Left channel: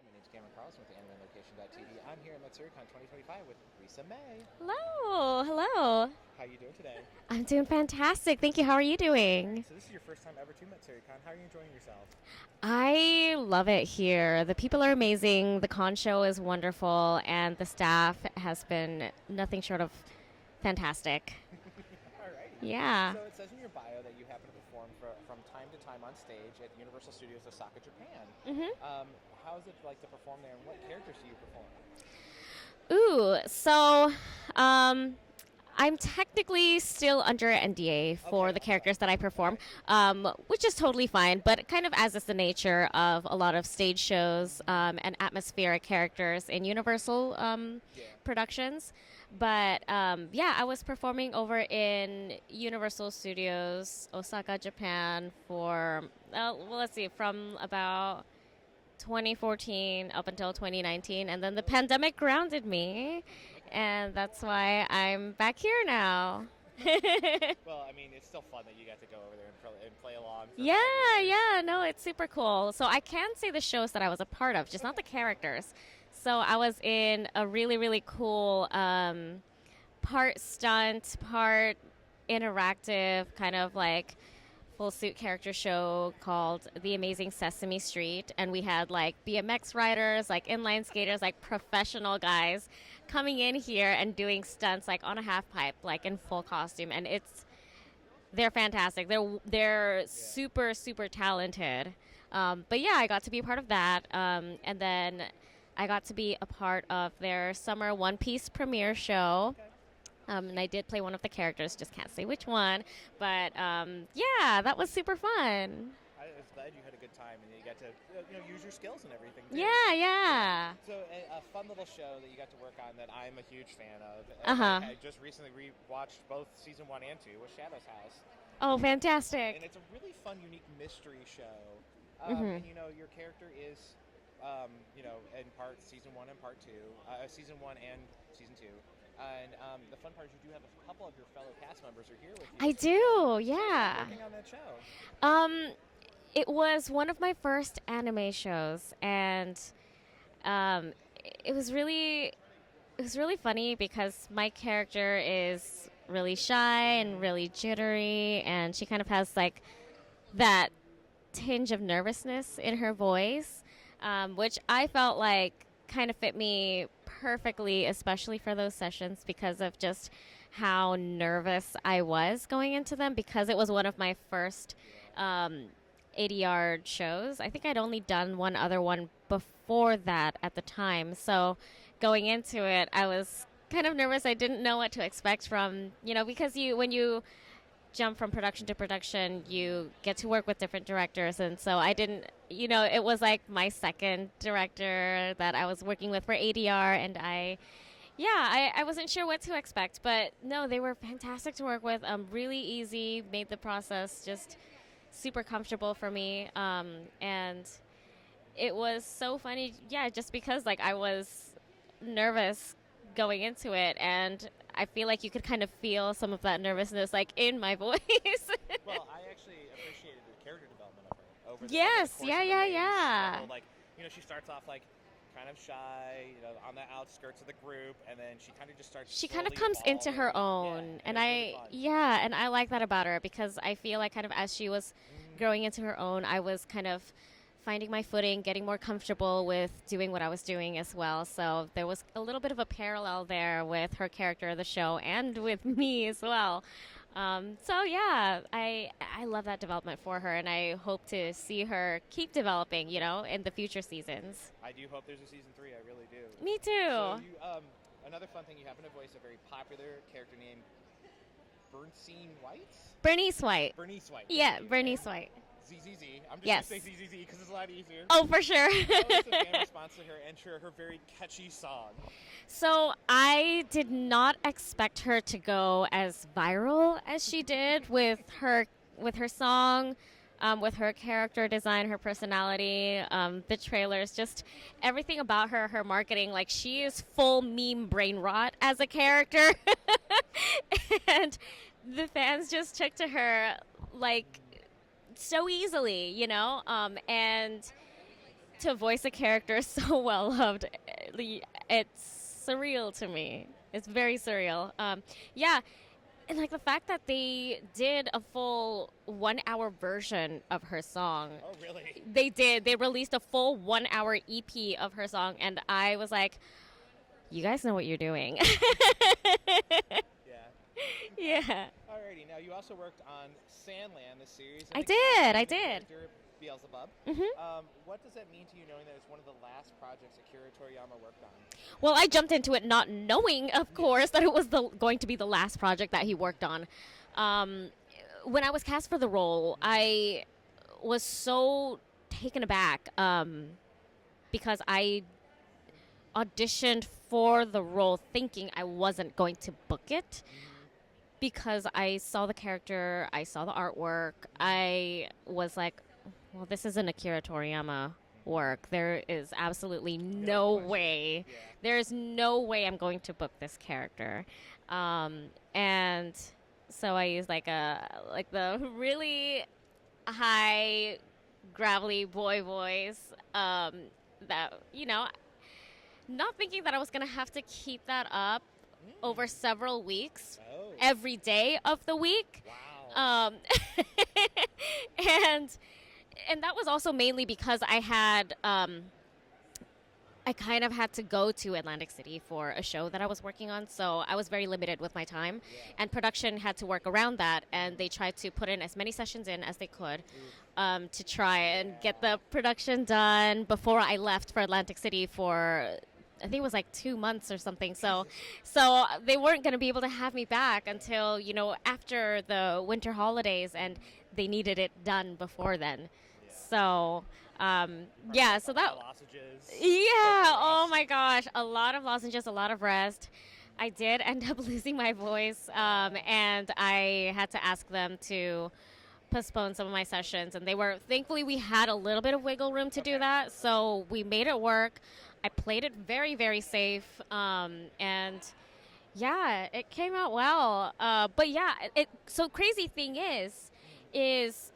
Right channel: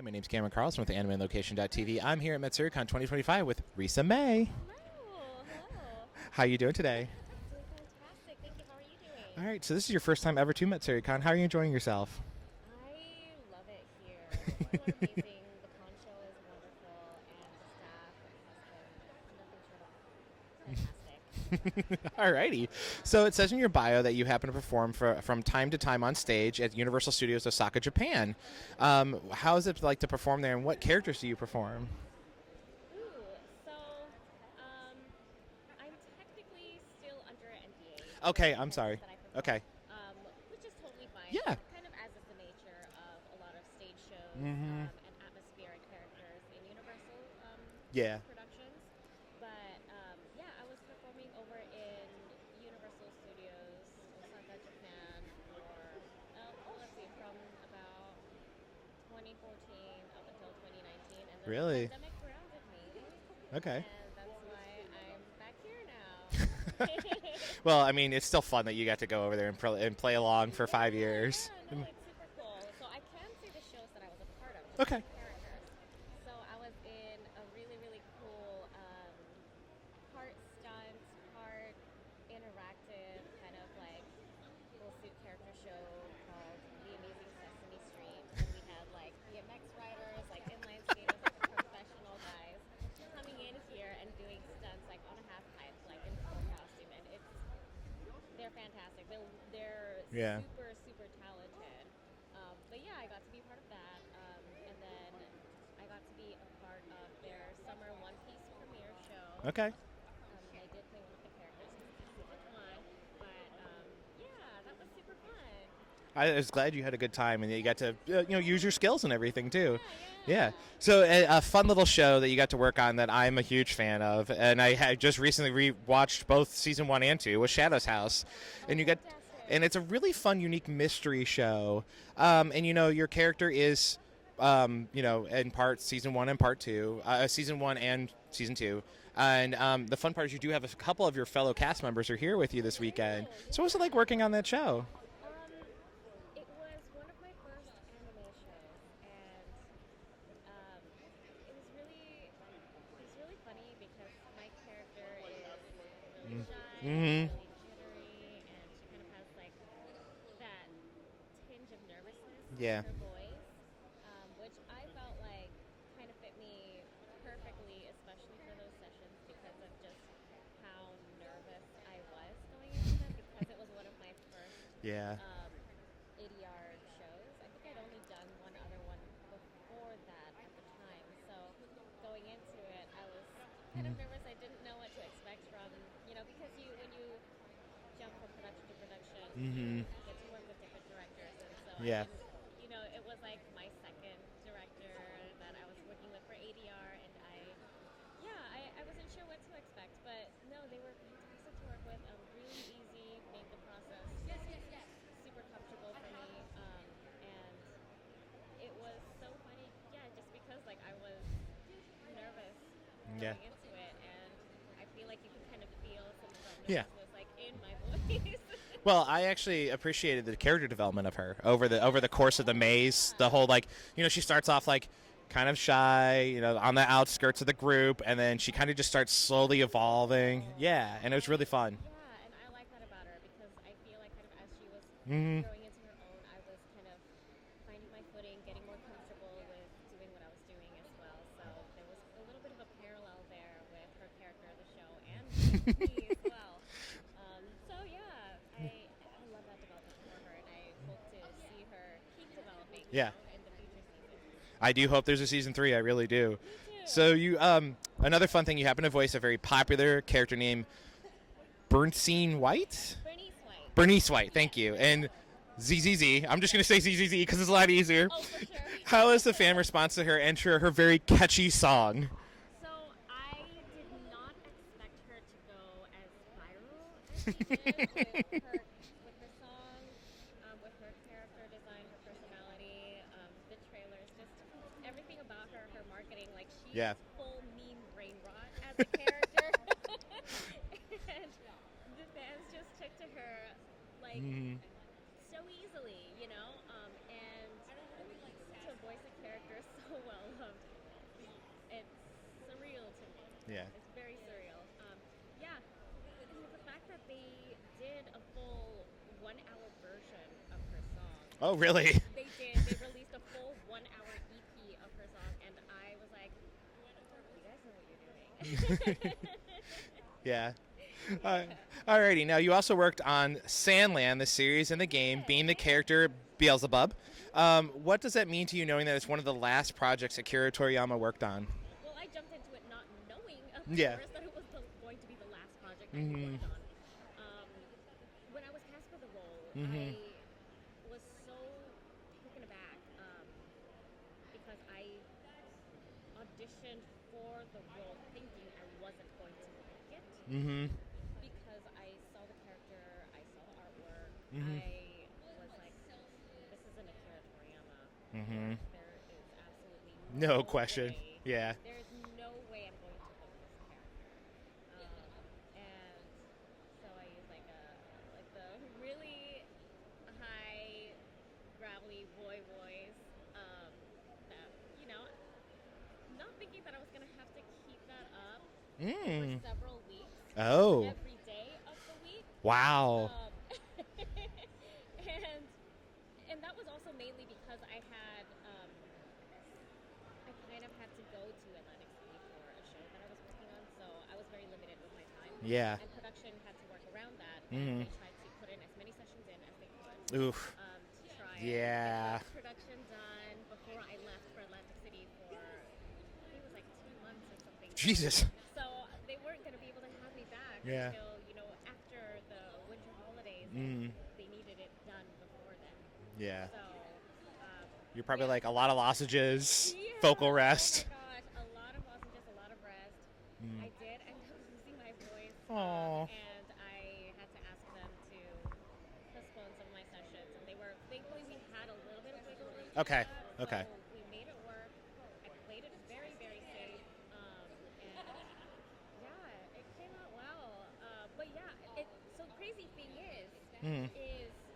Hi, my name's Cameron Carlson with AnimeLocation.tv. I'm here at Matsuricon 2025 with Risa Mei. Hello. How are you doing today? I'm doing fantastic. Thank you. How are you doing? All right, so this is your first time ever to Matsuricon. How are you enjoying yourself? I love it here. The people are amazing. The con show is wonderful, and the staff has been nothing short of fantastic. Alrighty. Yeah. So it says in your bio that you happen to perform from time to time on stage at Universal Studios Osaka, Japan. Mm-hmm. How is it like to perform there, and what characters do you perform? So I'm technically still under NDA for the characters that I perform, which is totally fine, but kind of as is the nature of a lot of stage shows and atmospheric characters in Universal productions. But I was performing over in Universal Studios, Osaka, Japan for, from about 2014 up until 2019, and then the pandemic grounded me. Okay. And that's why I'm back here now. Well, I mean, it's still fun that you got to go over there and play along for 5 years. Yeah, no, it's super cool. So I can say the shows that I was a part of, just not the characters. So I was in a really, really cool part stunt, part interactive, kind of like full suit character show called The Amazing Sesame Street, and we had like BMX riders, like inline skaters, like professional guys coming in here and doing stunts like on a half pipe, like in full costume, and they're fantastic. They're super, super talented. But yeah, I got to be a part of that, and then I got to be a part of their summer One Piece premiere show. Okay. And I did play one of the characters, just can't say which one. But that was super fun. I was glad you had a good time and that you got to use your skills and everything too. Yeah. So a fun little show that you got to work on that I'm a huge fan of, and I had just recently rewatched both season 1 and 2 was Shadow's House. Oh, fantastic! And it's a really fun, unique mystery show. And your character is, in part season 1 and part 2, season 1 and season 2. And the fun part is you do have a couple of your fellow cast members are here with you this weekend. I do, yeah. So what was it like working on that show? It was one of my first anime shows, and it was really funny because my character is really shy and really jittery, and she kind of has like that tinge of nervousness in her voice, which I felt like kind of fit me perfectly, especially for those sessions because of just how nervous I was going into them, because it was one of my first ADR shows. I think I'd only done one other one before that at the time, so going into it I was kind of nervous. I didn't know what to expect from, because when you jump from production to production, you get to work with different directors, and so I didn't, it was like my second director that I was working with for ADR, and I wasn't sure what to expect, but no, they were fantastic to work with, really easy, made the process just super comfortable for me, and it was so funny, just because like I was nervous going into it, and I feel like you could kind of feel some of that nervousness like in my voice. Well, I actually appreciated the character development of her over the course of the maze. The whole she starts off like kind of shy, on the outskirts of the group, and then she kind of just starts slowly evolving. Into her own. Yeah, and it was really fun. Yeah, and I like that about her because I feel like kind of as she was growing into her own, I was kind of finding my footing, getting more comfortable with doing what I was doing as well. So there was a little bit of a parallel there with her character of the show and with me as well. I love that development for her, and I hope to see her keep developing, in the future seasons. I do hope there's a season 3. I really do. Me too. So you, another fun thing, you happen to voice a very popular character named Bernice White. Bernice White. Thank you. Bernice White. ZZZ. I'm just going to say ZZZ because it's a lot easier. Oh, for sure. How was the fan response to her enter her very catchy song? So I did not expect her to go as viral as she did with her song, with her character design, her personality, the trailers, just everything about her marketing. Like she is full meme brain rot as a character, and the fans just took to her like so easily, and to voice a character so well loved, it's surreal to me. Yeah. It's very surreal. Yeah, and like the fact that they did a full 1 hour version of her song. Oh, really? They did. They released a full 1 hour EP of her song, and I was like, you guys know what you're doing. Yeah. Yeah. Alrighty. Now, you also worked on Sandland, the series, and I the game, did, being the did. character Beelzebub. Mhm. What does that mean to you, knowing that it's one of the last projects that Akira Toriyama worked on? Well, I jumped into it not knowing, of Yes. course, that it was going to be the last project that he worked on. When I was cast for the role, I was so taken aback because I auditioned for the role thinking I wasn't going to book it. Because I saw the character, I saw the artwork, I was like, well, this isn't Akira Toriyama work. There is absolutely no way. Yeah. There's no way I'm going to book this character. And so I used like the really high, gravelly boy voice that, not thinking that I was going to have to keep that up over several weeks. Oh. Every day of the week. Wow. And that was also mainly because I kind of had to go to Atlantic City for a show that I was working on, so I was very limited with my time. Yeah. And production had to work around that, and they tried to put in as many sessions in as they could to try and get the production done before I left for Atlantic City for, I think it was like 2 months or something. Jesus. So they weren't going to be able to have me back until, after the winter holidays, and they needed it done before then. Yeah. So, You're probably like a lot of lozenges. Yeah. Vocal rest. Oh my gosh, a lot of lozenges, a lot of rest. I did end up losing my voice, and I had to ask them to postpone some of my sessions, and thankfully we had a little bit of wiggle room to do that, so we made it work. I played it very, very safe, and yeah, it came out well. But yeah, so crazy thing is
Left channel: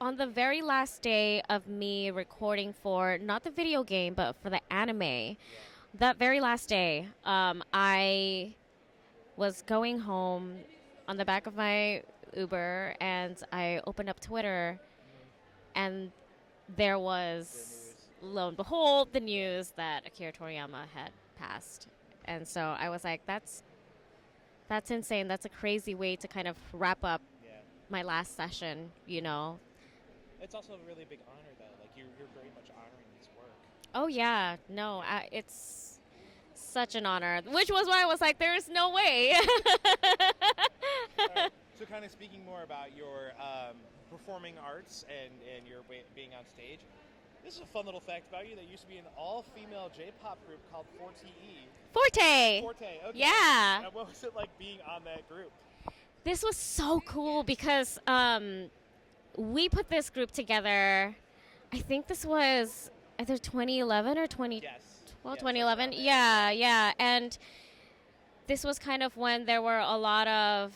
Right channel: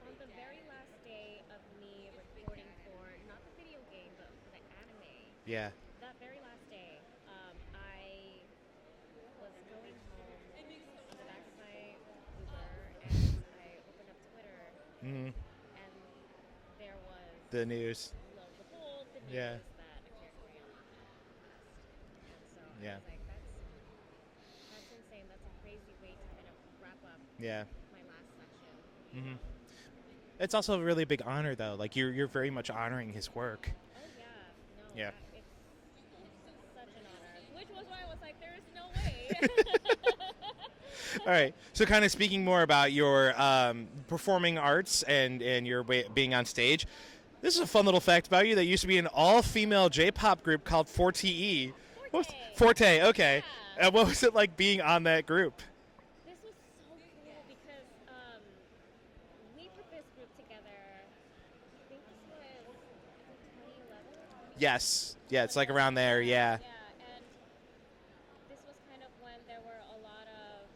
on the very last day of me recording for not the video game but for the anime, that very last day, I was going home on the back of my Uber, and I opened up Twitter, and there was the news. Lo and behold, the news that Akira Toriyama had passed. And so I was like, that's insane. That's a crazy way to kind of wrap up my last session, you know. It's also a really big honor, though. Like, you're very much honoring his work. Oh, yeah. No, it's such an honor, which was why I was like, there's no way. All right. So kind of speaking more about your performing arts and your being on stage, this is a fun little fact about you. That used to be an all-female J-pop group called 4TE. Forte, okay. Yeah. And what was it like being on that group? This was so cool because we put this group together, I think this was either 2011 or 20... Yes. Well, yeah, it's like around there. Yeah. And this was kind of when there were a lot of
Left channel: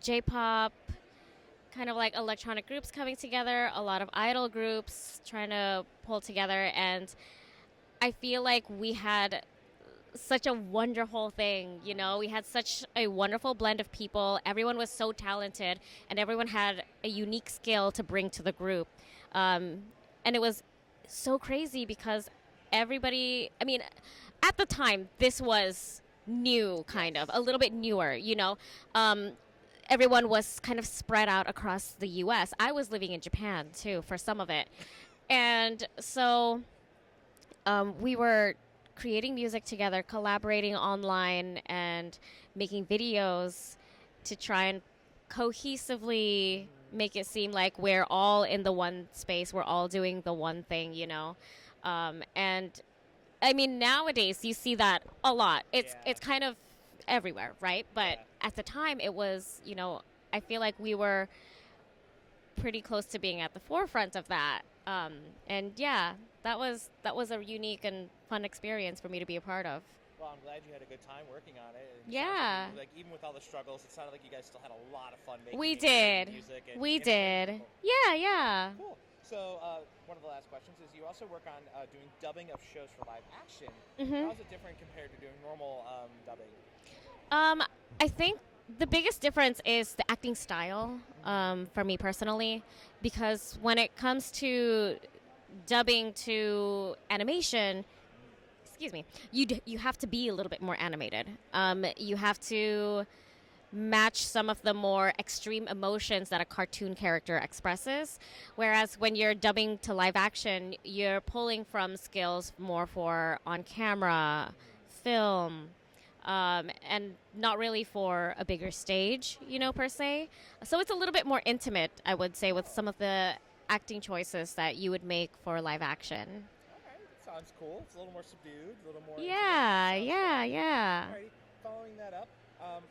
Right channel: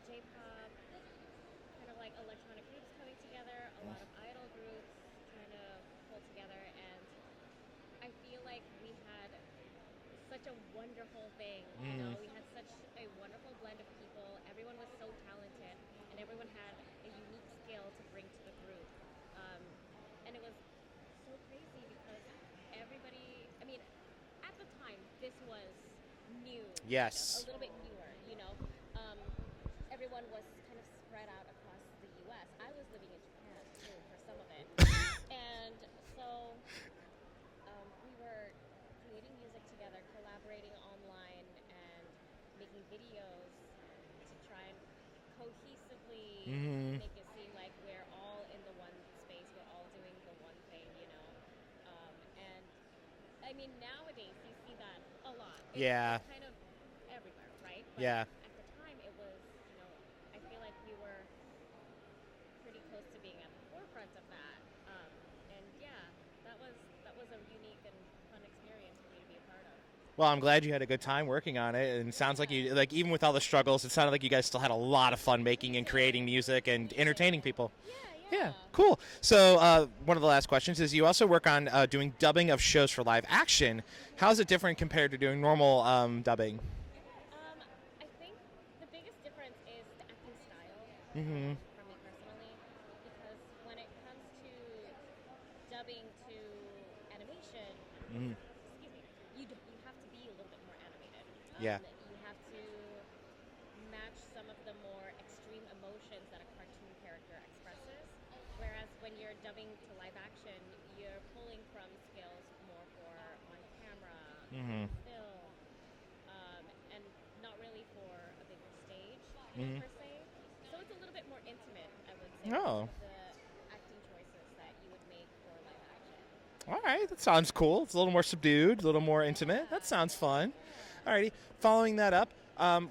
J-pop, kind of like electronic groups coming together, a lot of idol groups trying to pull together, and I feel like we had such a wonderful thing, you know. We had such a wonderful blend of people. Everyone was so talented, and everyone had a unique skill to bring to the group. And it was so crazy because everybody, I mean, at the time, this was new, kind of, a little bit newer, you know. Everyone was kind of spread out across the U.S. I was living in Japan, too, for some of it. And so we were creating music together, collaborating online, and making videos to try and cohesively make it seem like we're all in the one space, we're all doing the one thing, you know. And I mean, nowadays you see that a lot. It's kind of everywhere, right? But at the time it was, you know, I feel like we were pretty close to being at the forefront of that. And yeah, that was a unique and fun experience for me to be a part of. Well, I'm glad you had a good time working on it, and it sounds like Yeah. you like even with all the struggles, it sounded like you guys still had a lot of fun making We and creating did. music and We entertaining did. people. Yeah. Cool. So one of the last questions is you also work on doing dubbing of shows for live action. How is it different compared to doing normal dubbing? I think the biggest difference is the acting style for me personally, because when it comes to dubbing to animation, excuse me, you have to be a little bit more animated. You have to match some of the more extreme emotions that a cartoon character expresses, whereas when you're dubbing to live action, you're pulling from skills more for on camera, film, and not really for a bigger stage, per se. So it's a little bit more intimate, I would say, with some of the acting choices that you would make for live action. All right, that sounds cool. It's a little more subdued, a little more intimate. That sounds fun. Yeah. Alrighty. Following that up,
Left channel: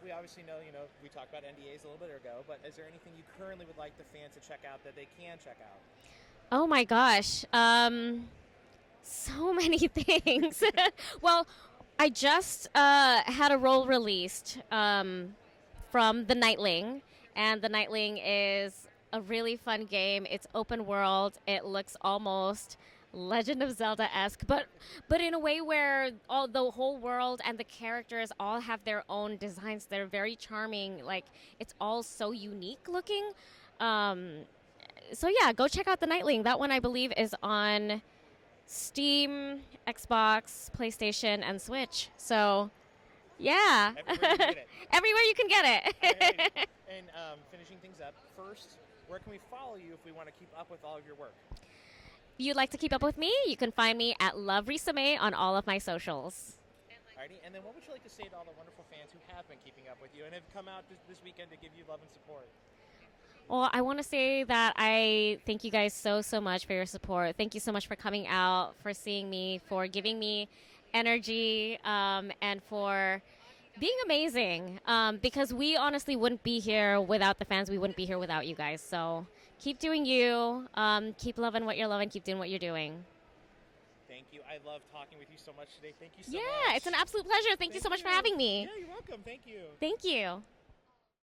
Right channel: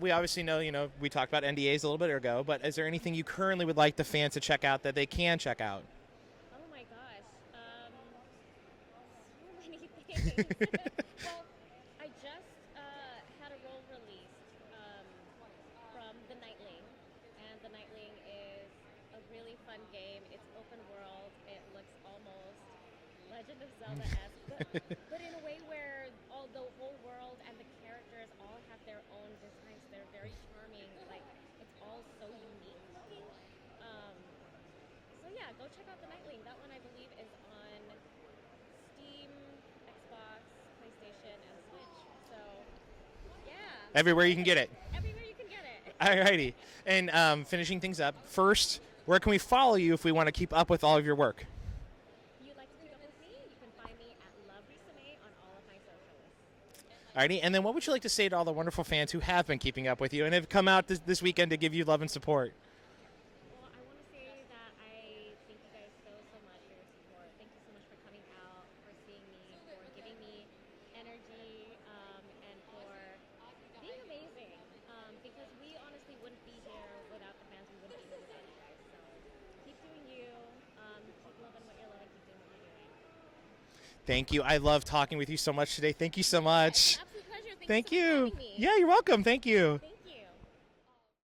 we obviously know, we talked about NDAs a little bit ago, but is there anything you currently would like the fans to check out that they can check out? Oh my gosh. So many things. Well, I just had a role released from The Nightling, and The Nightling is a really fun game. It's open world. It looks almost Legend of Zelda-esque, but in a way where all the whole world and the characters all have their own designs. They're very charming. Like, it's all so unique looking. So yeah, go check out The Nightling. That one I believe is on Steam, Xbox, PlayStation, and Switch. So yeah. Everywhere you can get it. Everywhere you can get it. Alrighty. And finishing things up, first, where can we follow you if we want to keep up with all of your work? If you'd like to keep up with me, you can find me at Love Risa Mei on all of my socials. Alrighty, and then what would you like to say to all the wonderful fans who have been keeping up with you and have come out this weekend to give you love and support? Well, I want to say that I thank you guys so much for your support. Thank you so much for coming out, for seeing me, for giving me energy, and for being amazing. Because we honestly wouldn't be here without the fans. We wouldn't be here without you guys. So keep doing you. Keep loving what you're loving. Keep doing what you're doing. Thank you. I love talking with you so much today. Thank you so much. It's an absolute pleasure. Thank you so much for having me. Yeah, you're welcome. Thank you. Thank you.